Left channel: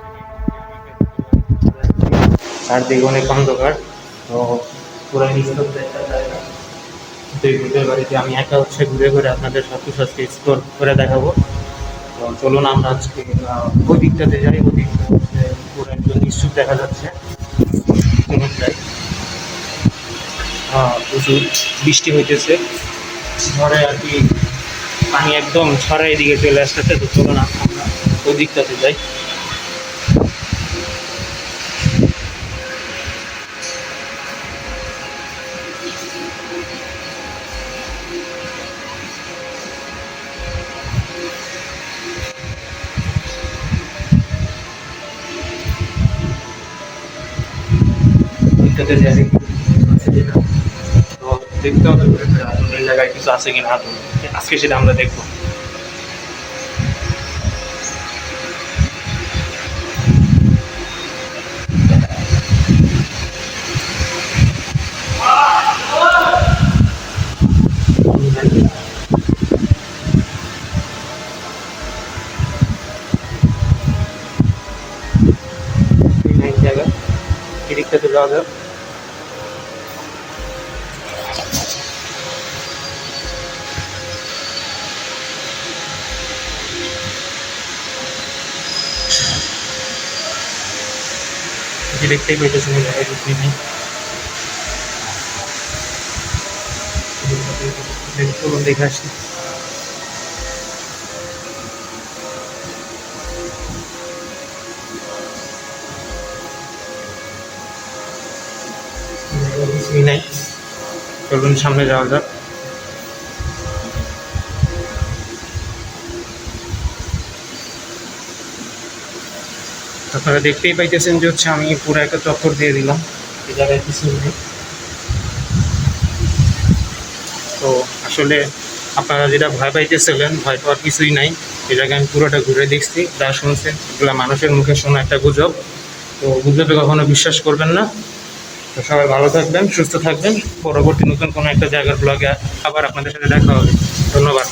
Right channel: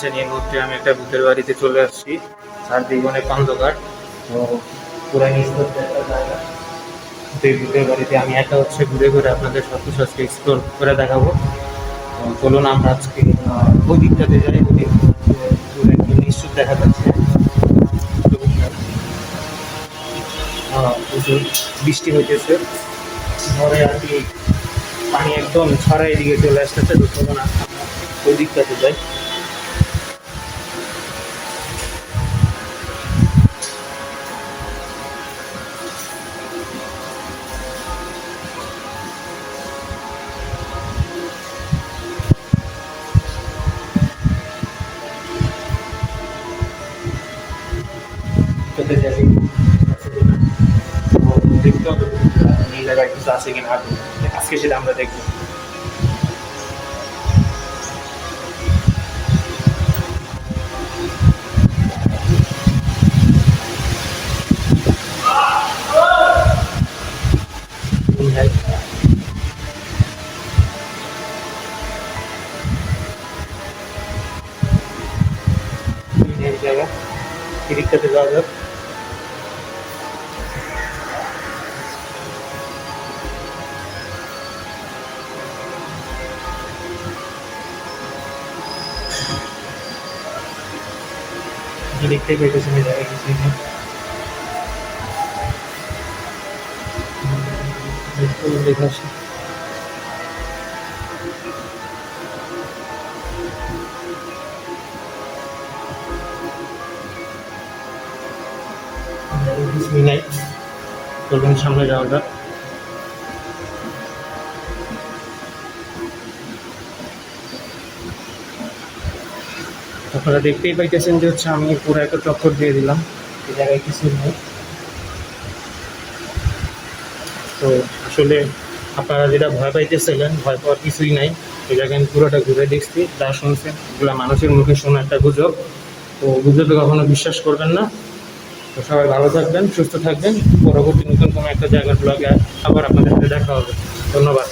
আসছেন, এই মুহূর্তে আমি একটা ভূতের বাড়িতে চলে আসছি। চারদিকে অনেক অন্ধকার, তো পুরাই নিস্তব্ধ একটা জায়গা। তো এই ভূতের বাড়িতে আমি একা ঘুরে ঘুরে আপনাদের সব কিছু আজকে এক্সপ্লোর করে দেখাবো। তো চলুন আমরা আজকে ওই দিকটাতে যাই। ওই দিকটা হচ্ছে পুরো একদম নিশ্চুপ দেখা যাচ্ছে। চলুন যাই। প্রচুর বৃষ্টি হইতেছে, ঝড়ে আর কি পানি একদম ছড়াই দিকে চলে আসতেছে। তো চলুন আমরা ওই দিকটাতে যাই। দিকটাতে যাই দেখি আছে কিনা। তো দেখতে হবে এই জায়গায় কিছু আছে কিনা আদৌ। আজকে সেটা আমরা দেখবো। এই জায়গা এই দিকটাতে যাওয়া যাক। যে দেখতেই পাইতেছেন এই জায়গায় কিছুই নেই। চলুন দেখে আসি। কিছুই নাই, চলুন সামনে যাওয়া যাক। আপনারা দেখতেই পাইতেছেন যে হচ্ছে আমি পুরো একটা চক্কর দিয়ে দিলাম, এই জায়গায় কিছুই নেই। তো আসলে আপনারা যেটা ভয় পাইতেছিলেন, ভয় পাওয়ার কিছুই নাই। এই জায়গায় আমি পুরোটা ঘুরে দেখছি, যা শুনছেন এগুলো মানুষের মুখে শোনা একটা গুজব। তো গুজবে কখনো বিশ্বাস করবেন না। তো সবাই ভালো থাকবেন, সুস্থ থাকবেন। পরবর্তী নতুন কোনো একটা জায়গার ব্লগে আবার আপনাদের সাথে দেখা হবে। ধন্যবাদ।